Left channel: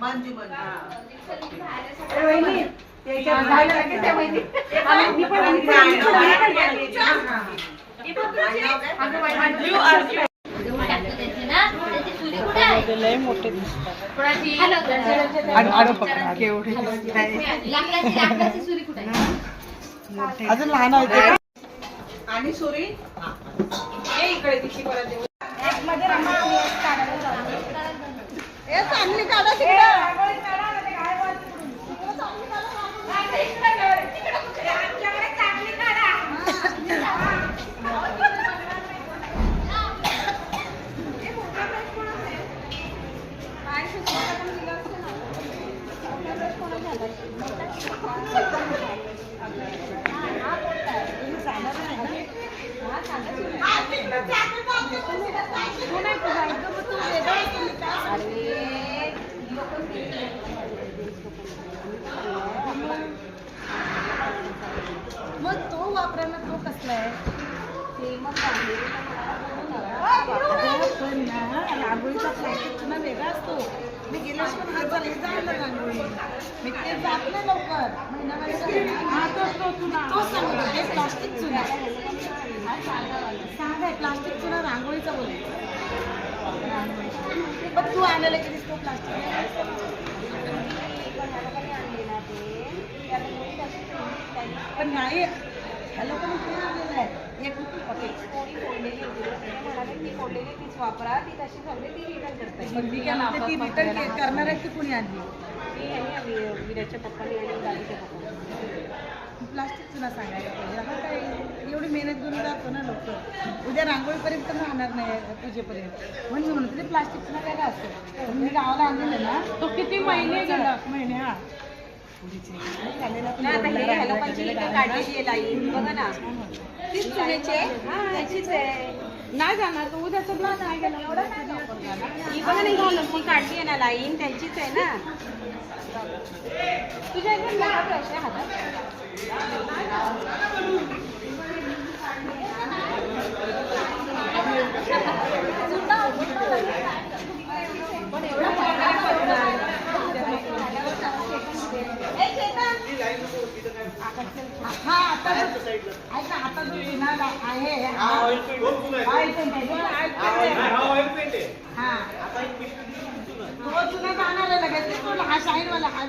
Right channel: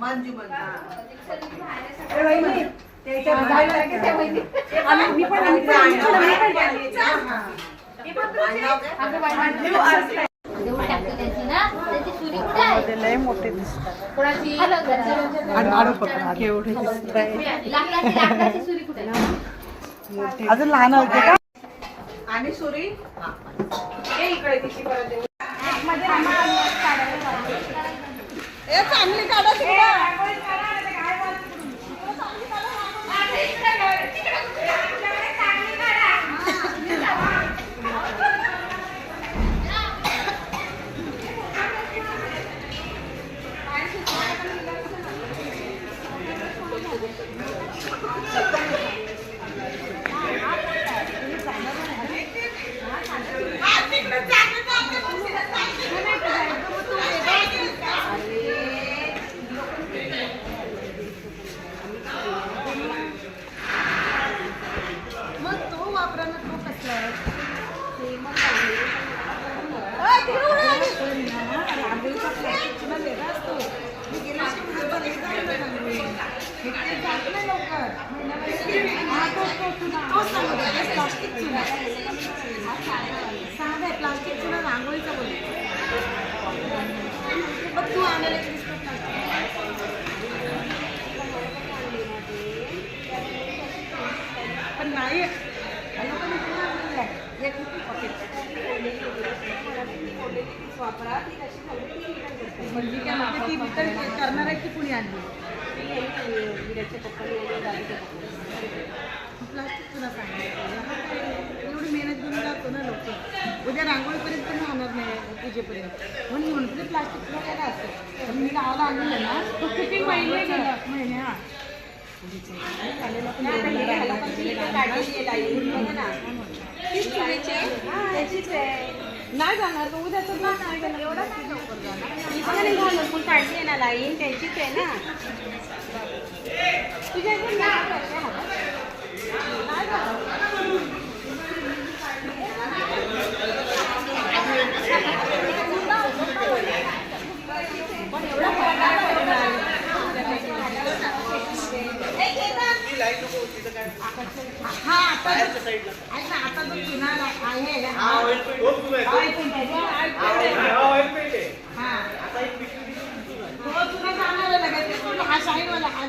मंजू अरे वहिनी मी पण लय मोठे दिसतात अजून लहान होते आणि सुरी इकडे दिशी परत चांगली काढा मग तो वापरा ना, तो कसला आहे ते मग रांगोळीचा प्लास्टिकचा ना वेगळा असतो. मी गेल्या हात झाले जायला रांगोळी ते जात नाही लवकर महिन्यामध्ये. हा तोच सांगत होते प्लास्टिक चुना. साधा आहे प्लास्टिक चुना रांगोळीचा बोलतो. मग तू आणायला दिसतो प्लास्टिक पण नाही लोकांनी एक पॉकेट वापरा ती तशी सगळी करणार आहे ती कुणी आणली विराच्या पप्पाने आणि दादीच्या पप्पाने प्लास्टिक पुन्हा सांगायला एवढी मेहनत घेऊन जातो ना लोक. उद्या रांगोळीपर्यंत पण राहणार नाही पूजेपर्यंत म्हणून म्हणते प्लास्टिक पुन्हा काय असतं. मी गावाला आणलं ना तो किती महिने गेला महिने. हा नाही जाणार तो उद्याच नाही घालून पण काढली आहे ना लाईन त्यांचीच आहे ना. तुझ्या हातात हा शाईन वाला हा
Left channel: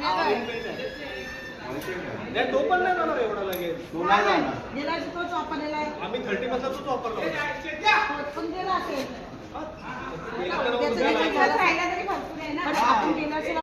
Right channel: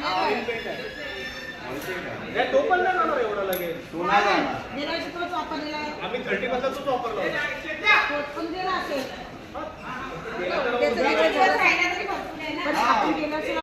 तो पण नाही होणार एवढा लगेच. गेल्या वर्षी तोच वापरलेला आहे. आम्ही 30 मधलाच वापरला पण गेला असेल.